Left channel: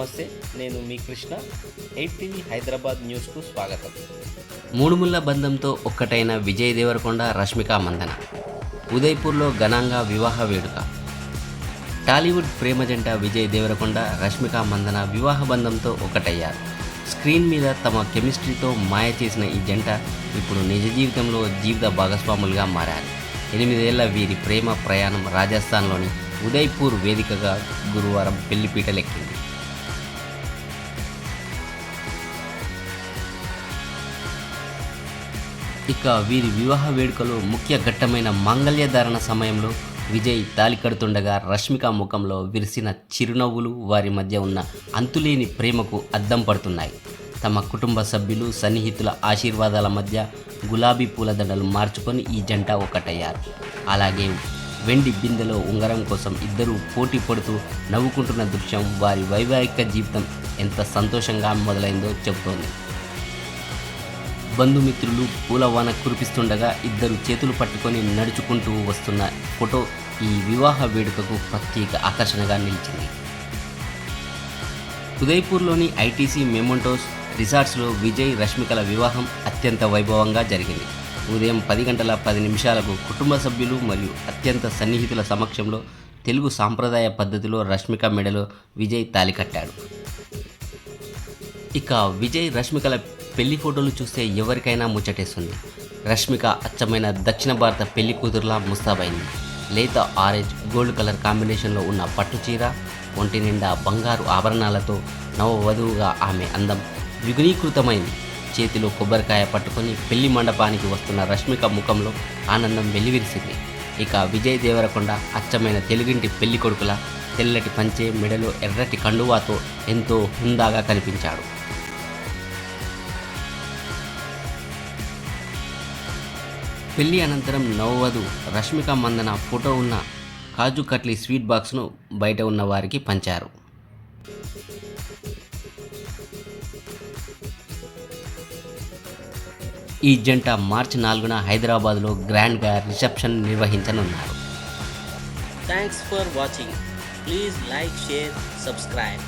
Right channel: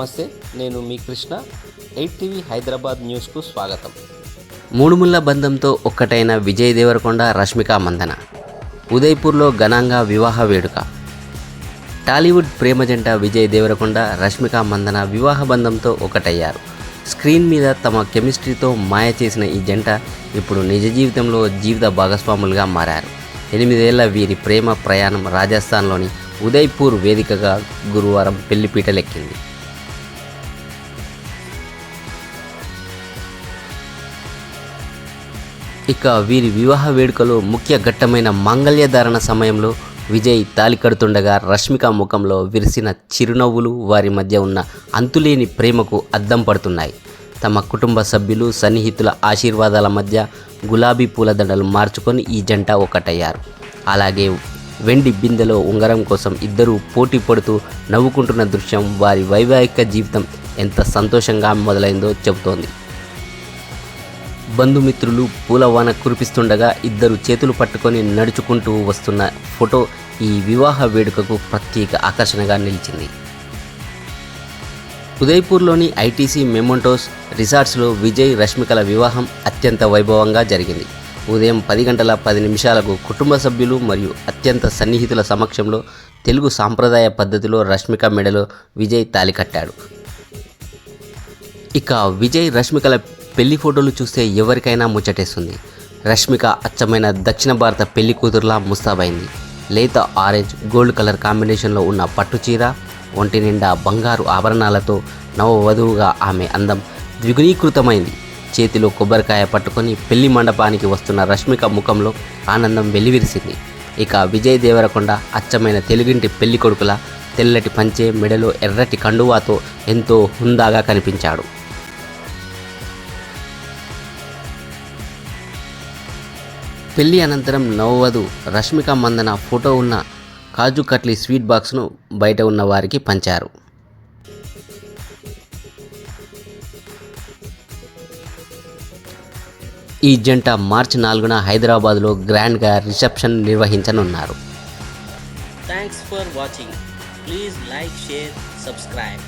నమస్తే, నేను మీ కృష్ణ. 8 టీవీ హైదరాబాద్ న్యూస్కు స్వాగతం. మూడుముళ్ల బంధంతో ఒక్కటైన విజయ్ దేవరకొండ, రష్మిక మందన ఉదయ్పూర్లో ఘనంగా వివాహ వేడుక. టాలీవుడ్ ప్రేమ జంట విజయ్ దేవరకొండ, రష్మిక మందన వివాహ బంధంతో ఒకటయ్యారు. స్క్రీన్ మీద తమ కెమిస్ట్రీతో మాయ చేసిన ఈ జంట ఇప్పుడు నిజ జీవితంలో జీవిత భాగస్వాములుగా మారారు. 8 ఏళ్ల వీరి ప్రేమ ప్రయాణం రాజస్థాన్లోని ఉదయ్పూర్ వేదికగా గురువారం పెళ్లిపీటలెక్కింది. ఇక వీరి వివాహ వేడుకలో ముఖ్య ఘట్టమైన మాంగళ్యధారణ సమయంలో విజయ్ తాళి కడుతుండగా రష్మిక ముఖంలో విరిసిన చిరునవ్వులు వారి మధ్య ఉన్న అంతులేని ప్రేమకు అద్దం పడుతున్నాయి. తమ కుటుంబ సభ్యులు, సన్నిహితుల ఆశీర్వాదాల మధ్య గులాబీ పూలదండలు మార్చుకొని ఈ జంట ఒకటయ్యారు. అలాగే వెండి బిందెలో ఉంగరం కోసం ఇద్దరూ పోటీ పడుతూ నవ్వుకుంటున్న దృశ్యం వారి వైవాహిక జీవితం ఎంత సంతోషంగా మొదలైందో చెబుతోంది. బంధుమిత్రులు పూలవాన కురిపిస్తుండగా ఇద్దరు చేతులు పట్టుకొని నడుచుకుంటూ వస్తున్న ఫోటో ఈ వివాహ వేడుకకు ప్రత్యేక ఆకర్షణగా నిలిచింది. ఉదయ్పూర్లోని ఐటీసీ మెమొంటోస్ రిసార్ట్స్లో విజయ్, రష్మికల వివాహం అత్యంత వైభవంగా జరిగింది. ఉదయం 10:10 కుటుంబ సభ్యులు మరియు అత్యంత సన్నిహితుల సమక్షంలో తెలుగు సాంప్రదాయ పద్ధతిలో రష్మిక మెడలో విజయ్ తాళి కట్టాడు. ఇక విజయ్, రష్మికల పెళ్లి ఫోటోలు చూస్తే ఎవరికైనా ముచ్చటేస్తుంది. రష్మిక అచ్చమైన దక్షిణ భారత పెళ్లి కూతురులా ముస్తాబైంది. లేత ఆరెంజ్, గోల్డ్ కలర్ కాంబినేషన్లో ఉన్న పట్టు చీర, ఒంటి నిండా బంగారు ఆభరణాలతో నవవధువుగా ఆమె అందం ద్విగుణీకృతమైంది. చేతిలో కొబ్బరికాయ పట్టుకొని పెళ్లి మండపానికి వస్తున్న రష్మిక ముఖంలో ఆనందం వెల్లివిరిసింది. ఇక విజయ్ దేవరకొండ అచ్చమైన తెలుగింటి పెళ్లి కొడుకులా తెల్లటి పంచె, మెడలో ఎర్రటి కండువాతో ఎంతో హుందాగా కనిపించాడు. పెళ్లి అనంతరం నవవధు రష్మిక మందన ఫోటో ఉన్న కాజు కట్లీ స్వీట్ బాక్స్ను బయట ఉన్న వారికి పంచారు. ఈ జంట మార్చి 4న హైదరాబాద్లో గ్రాండ్గా రిసెప్షన్ నిర్వహించనున్నారు. Thanks for watching. Please like, share, subscribe.